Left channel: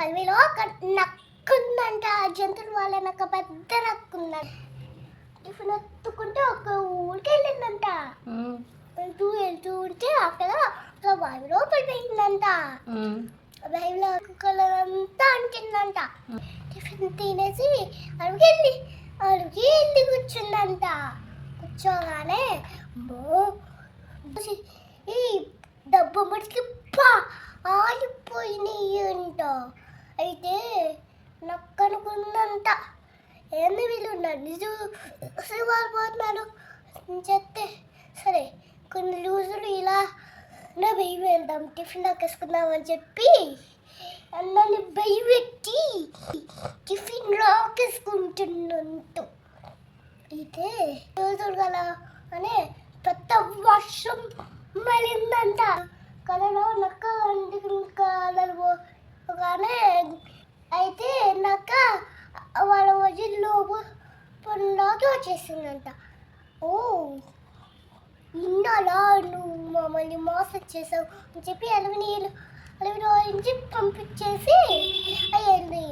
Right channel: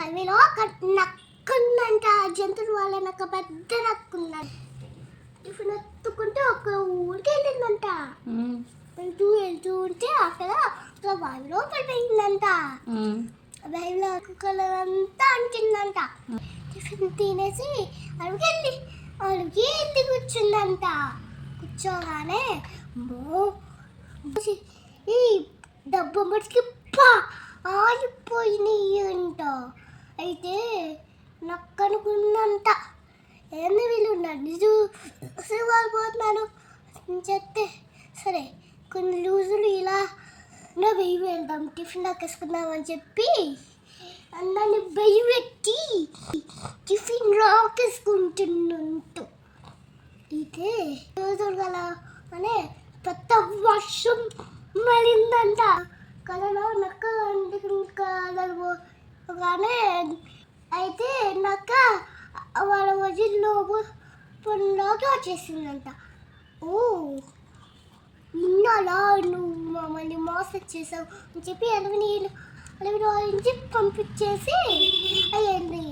అడవిలో ఒక నక్క ఉందంట. జంతువులు వాళ్ళ నక్క పెద్ద నక్క ఉందంట. టిఫిన్ ఎత్తుకుంటే ఒక ఊరికి వెళ్ళిందంట. వెళ్తూ ఉంటే అక్కడ ఒక బావిలో పడిపోయిందంట. బావిలో కలర్ అంతా అంటిందంట. టిఫిన్ తినేసి అడిగి కూర్చుందంట. కూర్చోగానే ఈ డబ్బు మటుకి ఆగిపోయినాయి అంట. అయితే నక్క అనుకుందంట, ఏంది వీళ్ళు నన్ను చూసి వాళ్ళిపోతున్నారు అని చెప్తే, సరే కొన్ని రోజులు ఇలా వెయ్యి వెళ్దాం టిఫిన్ దాకేసుకుందాం అని చెప్పి అందరిని వెయ్యి పెట్టి టిఫిన్ రాకేసుకుంటున్నంటూ. అయితే రోజులు గల అనే పెద్ద వర్షం మళ్ళిందంట. కలలో నక్క కలగానే అయితే నక్క వాళ్ళ వదిలో పనులాగా వచ్చేసిందంట. ఓ ఇన్నాళ్ళ నువ్వు మమ్మల్ని మోసం చేసావు అని చెప్పి అడవిని పంపించేసి అయ్యింది.